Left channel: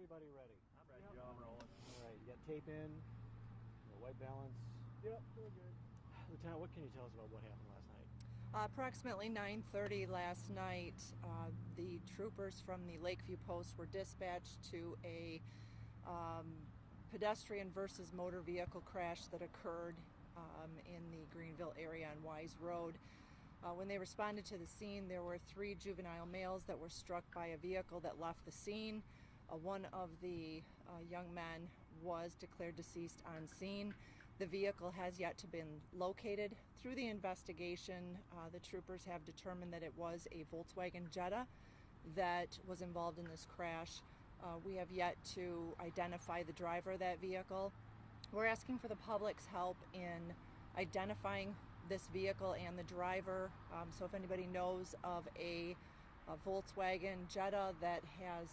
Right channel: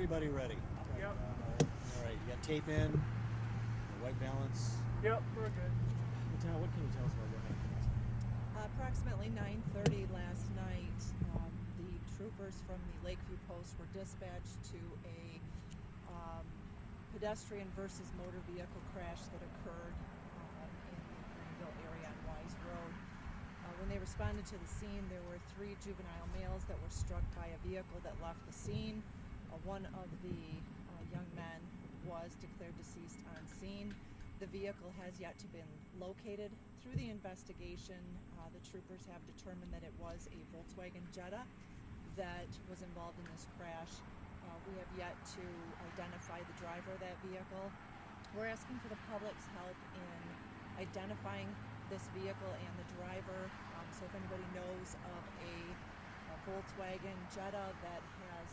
everybody ready? Yep. All right, you got tape in, white balance. Yep, we're good. What can you tell us about what happened last night? Approximately 9:30 last night, the troopers from the Lakeview Post were dispatched to a pedestrian versus motor vehicle crash that occurred in the Greenville area on Wise Road. When they responded to the scene, there were 3 juvenile males that were struck by a vehicle that left the scene. One of the young men was declared deceased on scene. The vehicle has yet to been located. Through the investigation, the troopers have determined that it was a Volkswagen Jetta that was involved in this crash. We have yet to identify the driver of that vehicle. We're asking for the public's help in identifying this vehicle and the driver. So if anybody knows of a Volkswagen Jetta that has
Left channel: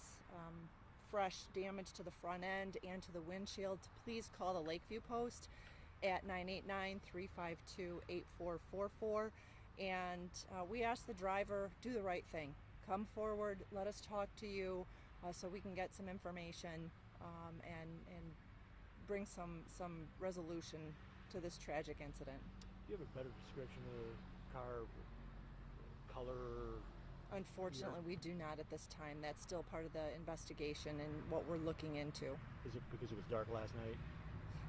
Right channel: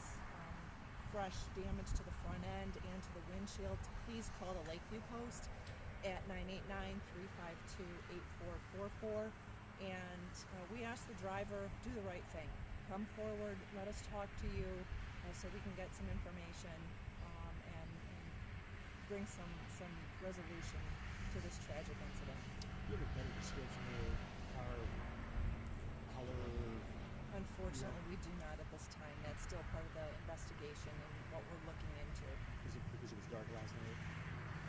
fresh damage to the front end and to the windshield, please call the Lakeview Post at 989-352-8444. And we ask the driver, do the right thing. Come forward, let us talk to you so we can get some information and bring some resolution to this tragic incident. Do you have a better description of the car color? Unfortunately, we do not at this time. That's still part of the investigation and what we're looking into. Is it because it was dark last night?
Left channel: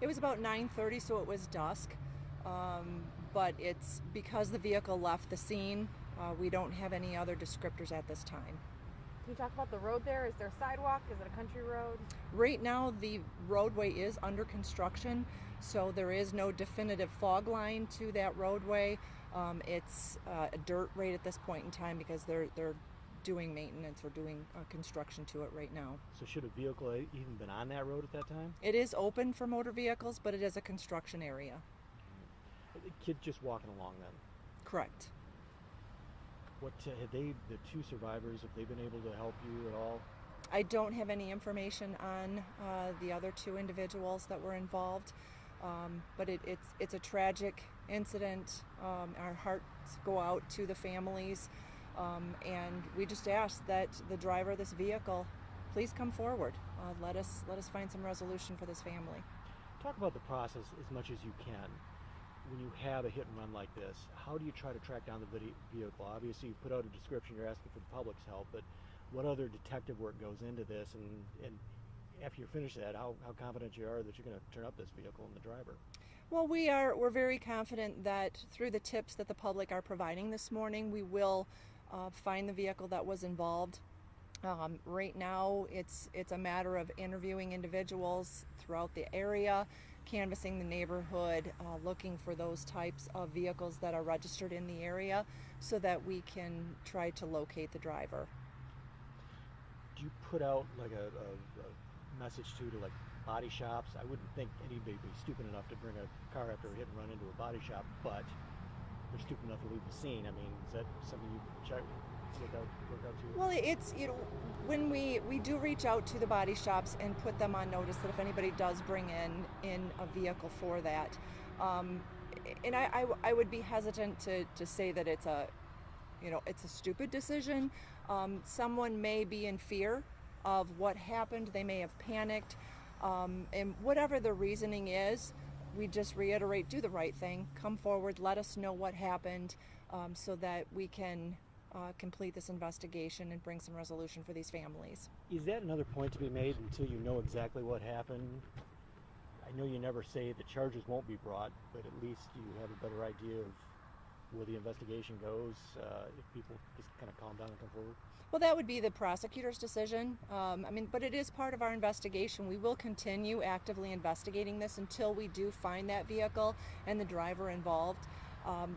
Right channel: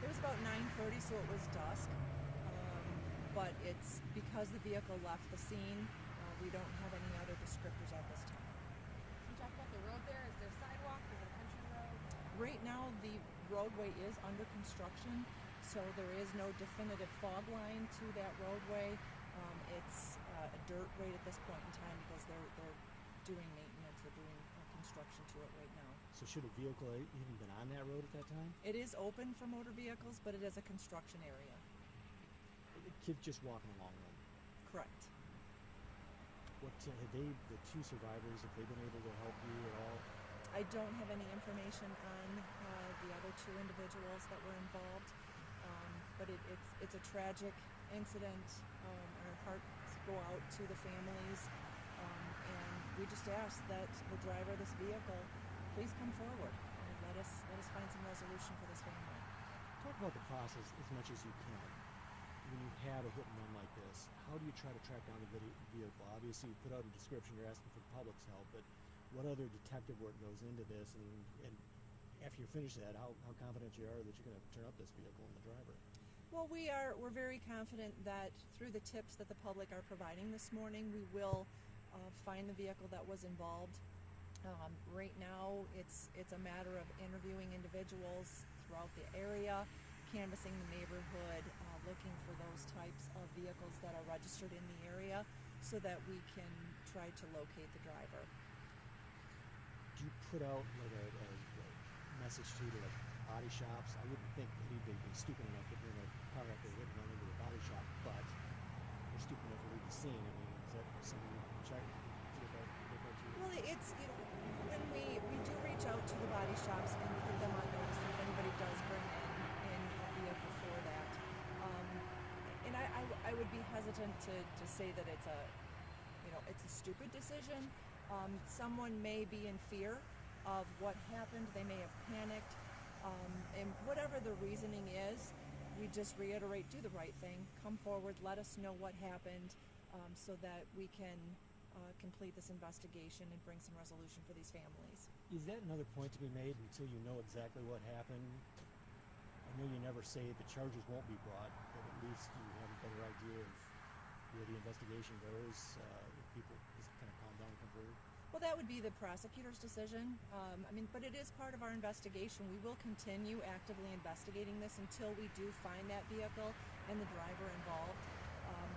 It was about 9:30, so it was dusk. But it's because the vehicle left the scene. We don't have any other descriptors at this time. Can you talk about the road there? Is there a sidewalk? Is it a country road? Right now, the roadway is under construction, so there is no definitive fog line to that roadway. It's a dirt road at this point in time because they're doing maintenance or doing construction to it right now. So should a vehicle even been on that road at that time? It is open for motor vehicles, but it is a construction area. The kid just walking along then? Correct. What have the 2 survivors, have they been able to help you at all? I don't have any information on the other 2 individuals that were involved, but it's a tragic incident. Our hearts go out to the families, and we just ask that the driver of this vehicle please come forward. Let us find some resolution for this family. Talk about the process as much as you can. When you have a hit and run like this, how do you try to track down the vehicle? Obviously, you put out a description, you're asking for the public's help, but what other detective work goes into this? And after you finish that, how confident you are that you're going to turn up this vehicle and the driver? Well, we're very confident that through the tips that the public are providing this morning, we will find the vehicle that was involved. Right now, it's a matter of interviewing individuals throughout the area, canvassing the neighborhood, looking for those types of vehicles that are registered in the area so that we can try to locate the driver. Do you put out like a message to like body shops? I wouldn't think anybody would be stupid enough to bring a car after a hit and run into a body shop, but they're stupid enough to leave the scene. I mean, is that something you check? Look out to? Well, it's, when we do reach out to the body shops and put them on notice that if anybody does bring in a vehicle for that, and I would be hesitant to say that it's a stupid decision. Someone may be in fear of what happened. They may have panicked, and whatever the reasoning is, we just reiterate: do the right thing. Come forward. Let us know what happened, so that we can complete this investigation and bring some resolution for these families. Is that another point to be made until you know exactly what happened? I know you never say the charges won't be brought, but at least you have a better idea of where the investigation goes if people just kind of calm down and come forward? Well, that would be the prosecutor's decision. But it is part of our investigation. We will continue actively investigating this until we do find that vehicle and the driver involved.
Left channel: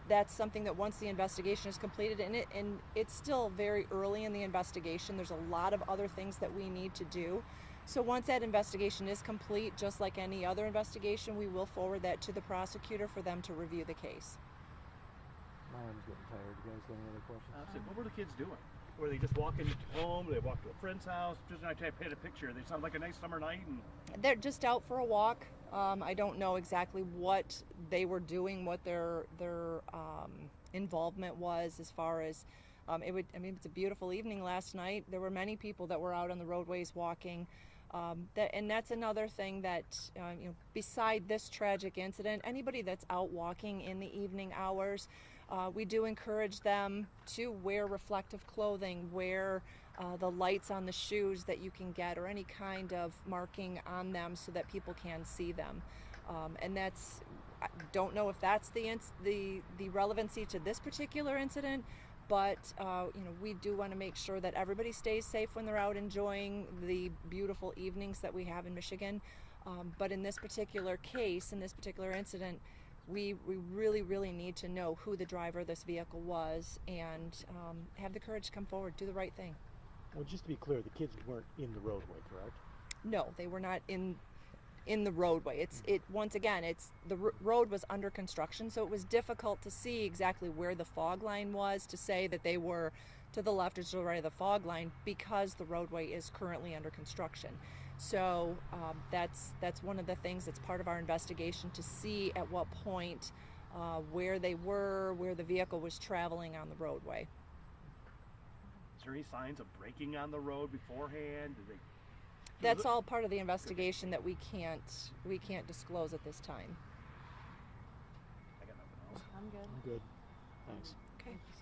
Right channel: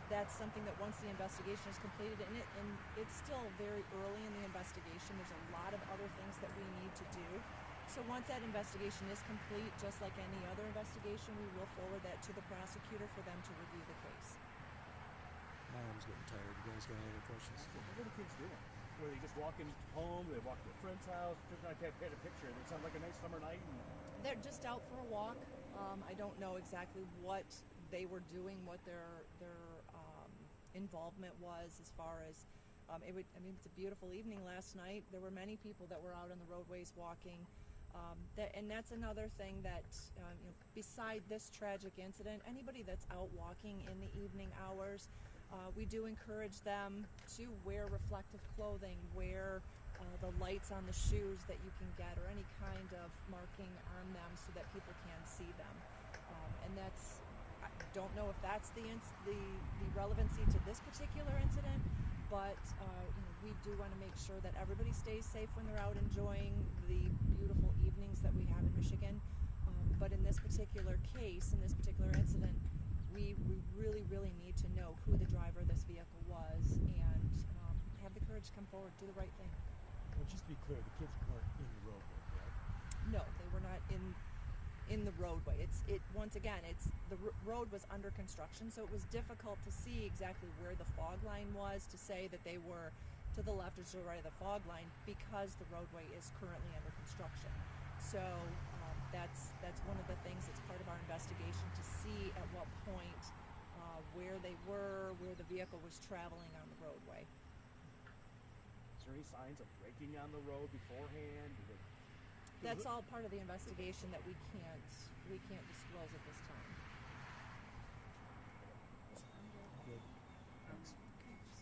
That's something that once the investigation is completed, and it's still very early in the investigation, there's a lot of other things that we need to do. So once that investigation is complete, just like any other investigation, we will forward that to the prosecutor for them to review the case. My arm's getting tired. You guys got any other questions? What were the kids doing? Were they just walking home? They walked to a friend's house? Just I paint a picture. They sound like a nice summer night. And They're just out for a walk. I don't know exactly what they were doing, what their involvement was as far as it's a beautiful evening last night. There were many people that were out on the roadways walking. And that's another thing that, beside this tragic incident, anybody that's out walking in the evening hours, we do encourage them to wear reflective clothing, wear the lights on the shoes that you can get, or any kind of marking on them so that people can see them. And that's, I don't know if that's the relevancy to this particular incident, but we do want to make sure that everybody stays safe when they're out enjoying the beautiful evenings that we have in Michigan. But in this particular case, in this particular incident, we really, really need to know who the driver of this vehicle was and have the courage to come forward, do the right thing. Well, just to be clear, the kids weren't in the roadway, correct? No, they were not in the roadway. Once again, the road was under construction, so it was difficult to see exactly where the fog line was to say that they were to the left or to the right of the fog line, because the roadway is currently under construction. So that's one of the things that's part of our investigation, to see at what point where they were, where the vehicle was traveling on the roadway. Is there any signs of braking on the road beforehand? That's all part of the investigation that we can't disclose at this time. I got nothing else. I'm good. Good. Thanks.